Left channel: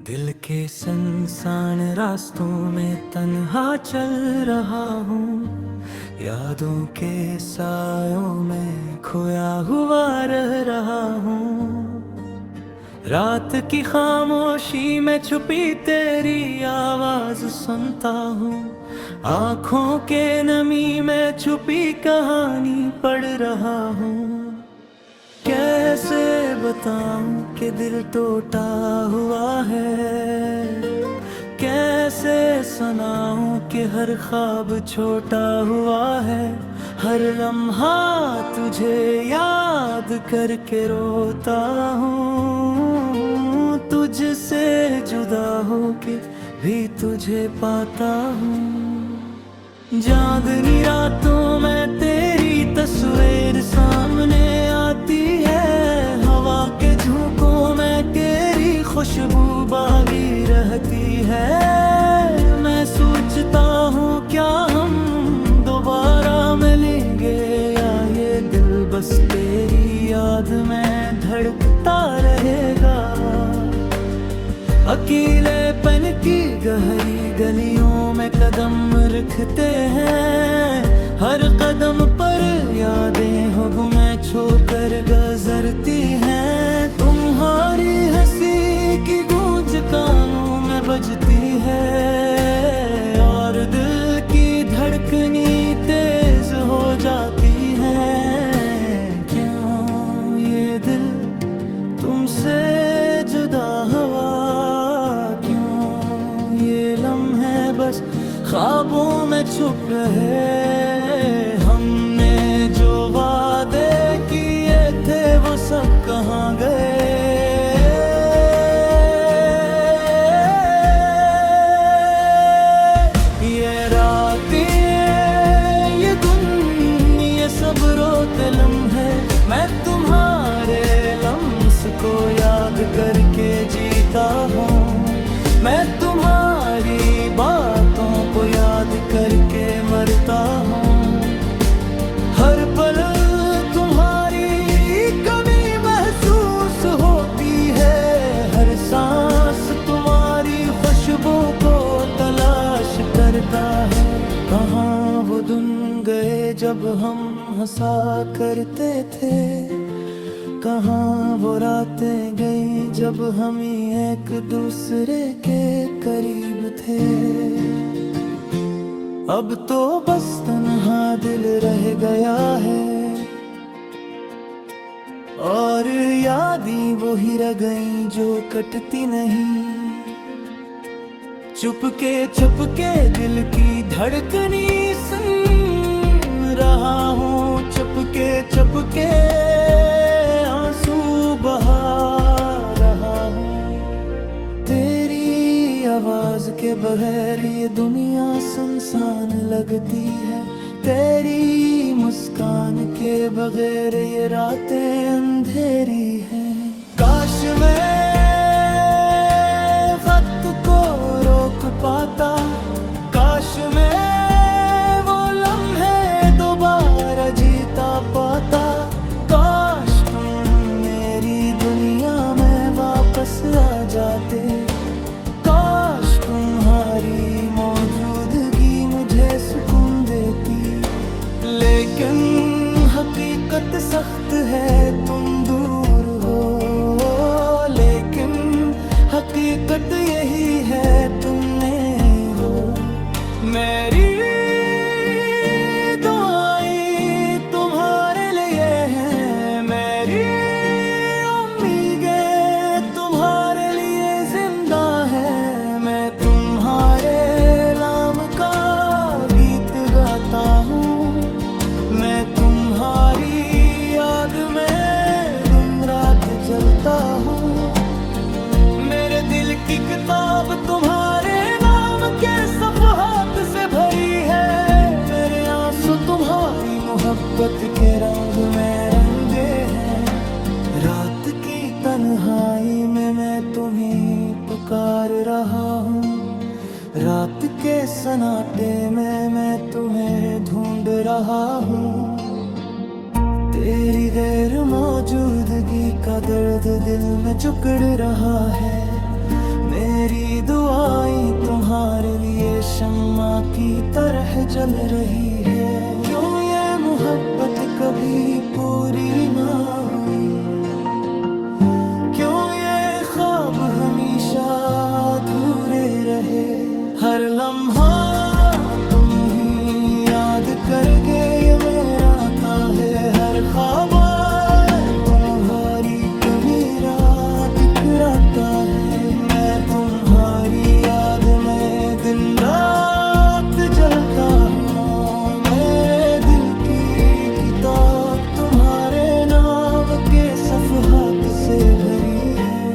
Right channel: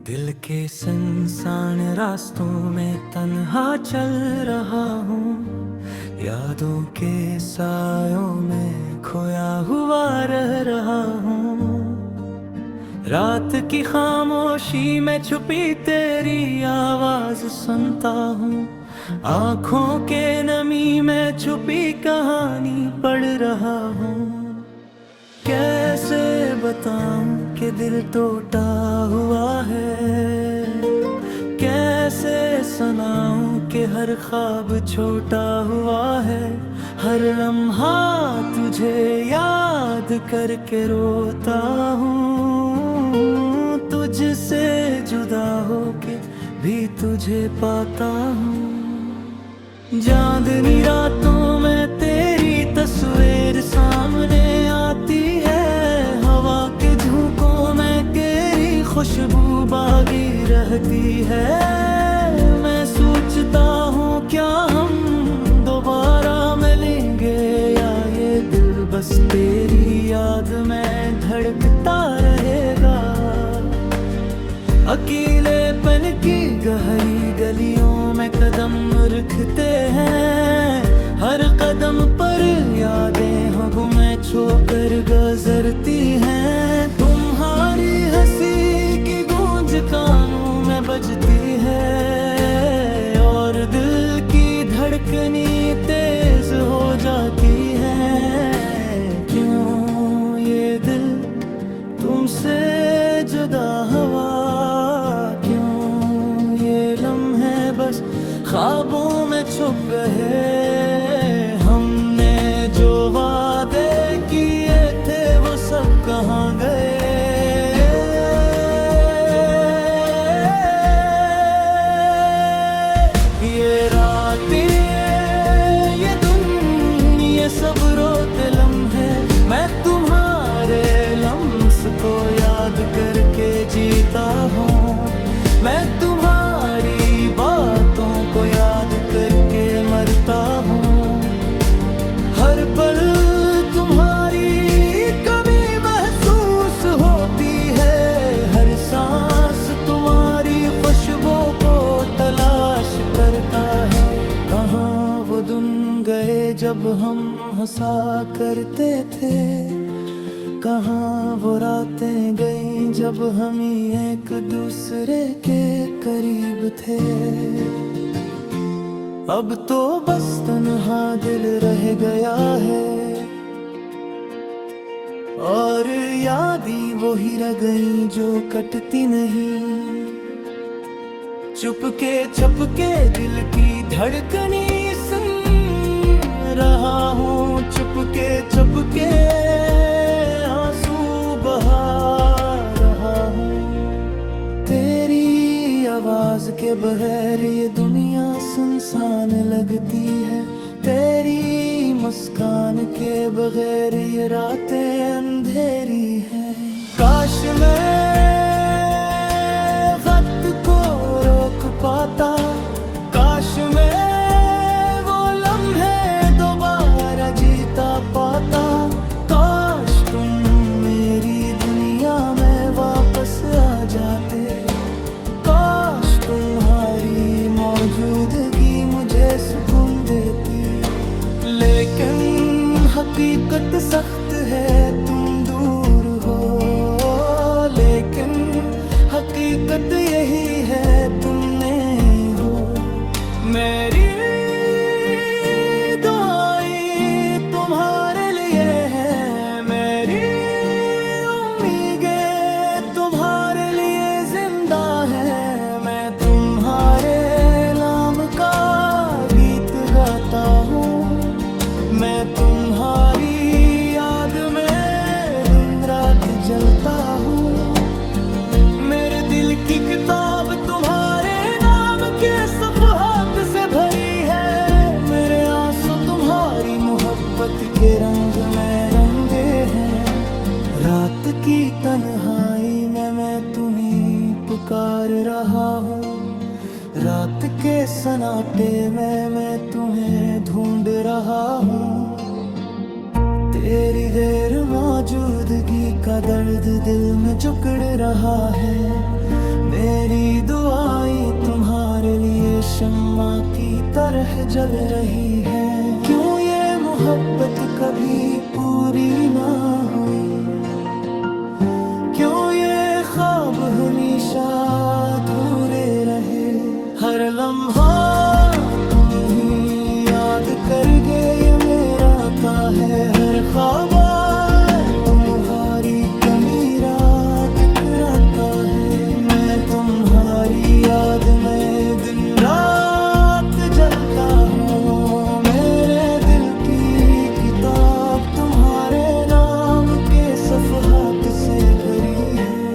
दिल के सुनसान रास्तों में तन्हा चल रहा हूँ। यादों के सायों में खोया हुआ रह रहा हूँ। रात की खामोशी में छुपी तेरी आवाज सुनता हूँ। आँखों के नमी में छुपी कहानी पढ़ रहा हूँ। कैसे बताऊं कि दिल टूटा हुआ है, कैसे सुनाऊं कि हर ख्वाब छोटा हुआ है। हर लम्हा तुझे याद करके रोता हूँ। तुझसे जुदा होके भी तुझे पाता हूँ। चांदनी रातों में तेरी तस्वीर सामने आती है। हवा के झोंकों में तेरी खुशबू बागी रहती है। मैं सोचता हूँ क्या हम दोबारा मिलेंगे, या ये दिल बस तेरी याद में धड़कता रहेगा। अकेलेपन की गहरी गलियों में कदम रखते हैं। हर कदम पर यादें हो में छोकर गुजरती हैं। तुम्हारी हंसी की गूंज कानों में बजती है, और दिल की धड़कनी तेज हो जाती है। क्यों ये दिल तुमसे जुदा हुआ, क्यों ये लम्हे बस ख्वाबों में छुप गए। हमने जो वादे किए थे वो सब कहाँ गए। ये रातें, ये दिन, ये सब रोते लम्हे, मैं तुम्हारे लम्स को याद करके जीता हूँ। मैं तुम्हारी बातों को याद करके मरता हूँ। हर पल तुम्हारी कमी महसूस होती है। हर सांस तुम्हारी खुशबू को तलाश करता है। कहाँ वो दिन गए जब हम हंसा करते थे, कहाँ वो रातें गई जब हम ही एक दूसरे के करीब थे। अब तो बस तन्हा दिल रह गया है, और यादें वो ही रह गई जो कटती नहीं। चुपके छुपके दिल की धड़कनी सुन रहा हूँ। चुपके छुपके आंसू बहा रहा हूँ। तेरी आवाज के बगैर ये दुनिया सुनसान लगती है। तेरी मुस्कान के बगैर ये रातें अंधेरी हैं। काश मैं वक्त को रोक पाता, काश मैं वो लम्हे दोबारा जीता पाता। काश तुम मेरी दुनिया में वापस आ जाते। काश तुम्हारी मौजूदगी मुझे सुकून देती। लेकिन हकीकत सख्त है, तुम दूर हो। लेकिन हकीकत यही है, तुम नहीं हो। मेरी दुआएं तुम्हारे लिए हैं, मेरी उम्मीदें तुम्हारे लिए जिंदा है। मैं तुम्हारे नाम का गीत गाता हूँ। मैं तुम्हारी याद में दिन रात जलता हूँ। मेरे दिल की किताब तुम्हारे नाम के सफ़हात से भरी है। मेरे आंसू तुम्हारी मोहब्बत के रंग में रंगे हैं। रात की तन्हाई में मैं तुम्हें पुकार रहा हूँ। रात के सन्नाटे में मैं तुम्हें ढूंढ रहा हूँ। तेरी गैर मौजूदगी का दर्द दिल में जकड़ रहा है। मेरी दुआएं तुम्हारे लिए शम्मा की तरह जल रही है। क्यों ये मोहब्बत कभी पूरी ना हुई, क्यों ये ख्वाब हमेशा अधूरे रहे। हर लम्हा तुम ही याद कर गए ये मेरा ता है। हर ख्वाब तुम्हारी कमी रात टकराता है। मैं तुम्हारी याद में दिन रात जलता हूँ। मेरे दिल की किताब तुम्हारे नाम के सफ़हात से भरी है।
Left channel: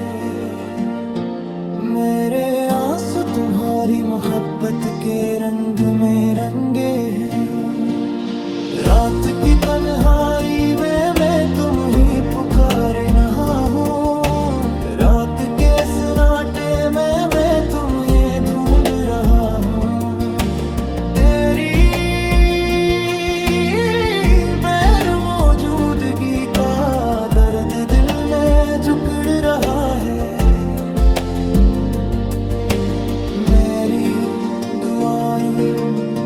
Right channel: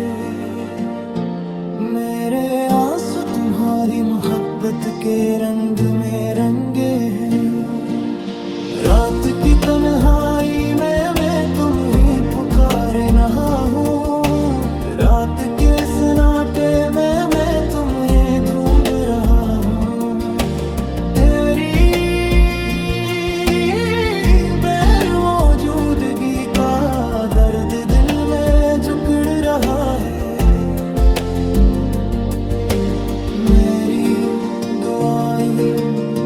मेरे आंसू तुम्हारी मोहब्बत के रंग में रंगे हैं। रात की तन्हाई में मैं तुम ही पुकारे नहा हूँ। रात के सन्नाटे में मैं तुम्हें ढूंढ रहा हूँ। तेरी गैर मौजूदगी का दर्द दिल में जुकड़ रहा है। मेरी दुआएं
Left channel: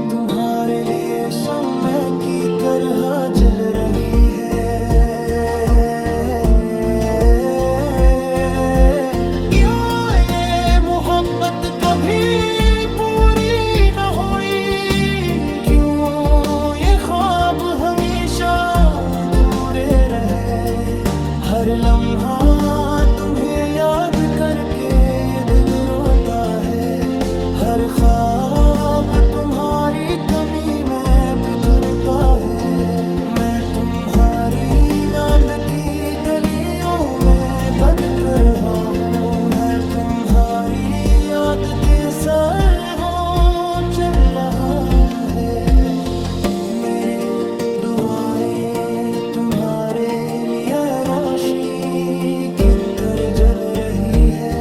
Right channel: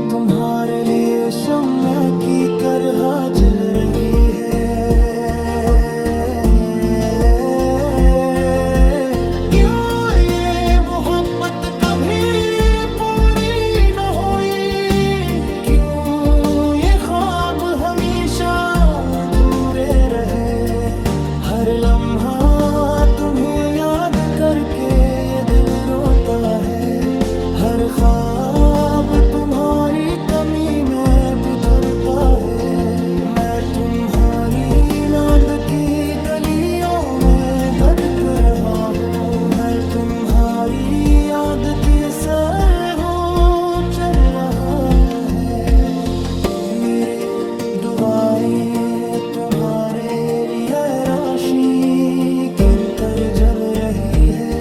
तुम्हारे लिए शम्मा की तरह जल रही है। क्यों ये मोहब्बत कभी पूरी न हुई, क्यों ये ख्वाब हमेशा अधूरे रहे। हर लम्हा तुम्हें याद करके ये दिल रोता है। हर ख्वाब तुम्हारी कमी में बिखरता है। मैं तुम्हारी याद की गलियों में भटक रहा हूँ। मैं तुम्हारी याद के सरहों चल रहा है। मेरे दुआएं तुम्हारे लिए रोशनी की तरह जल रही है।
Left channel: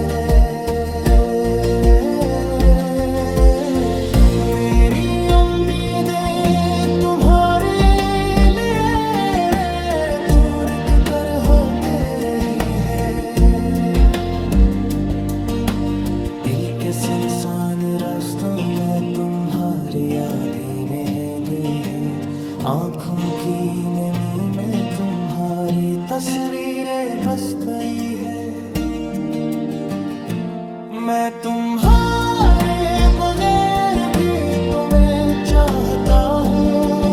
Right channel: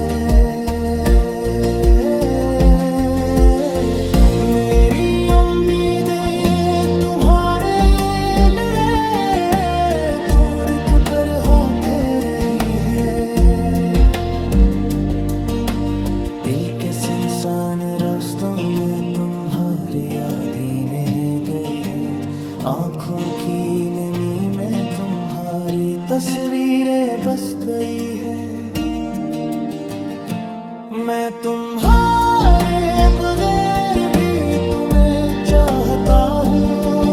दिल के सुनसान रास्तों में तुम्हारी यादें रह गई है। आँखों की नमी में तुम्हारी तस्वीरें बस गई है। मैं तुम्हारे बगैर भी तुम्हें चाहता हूँ।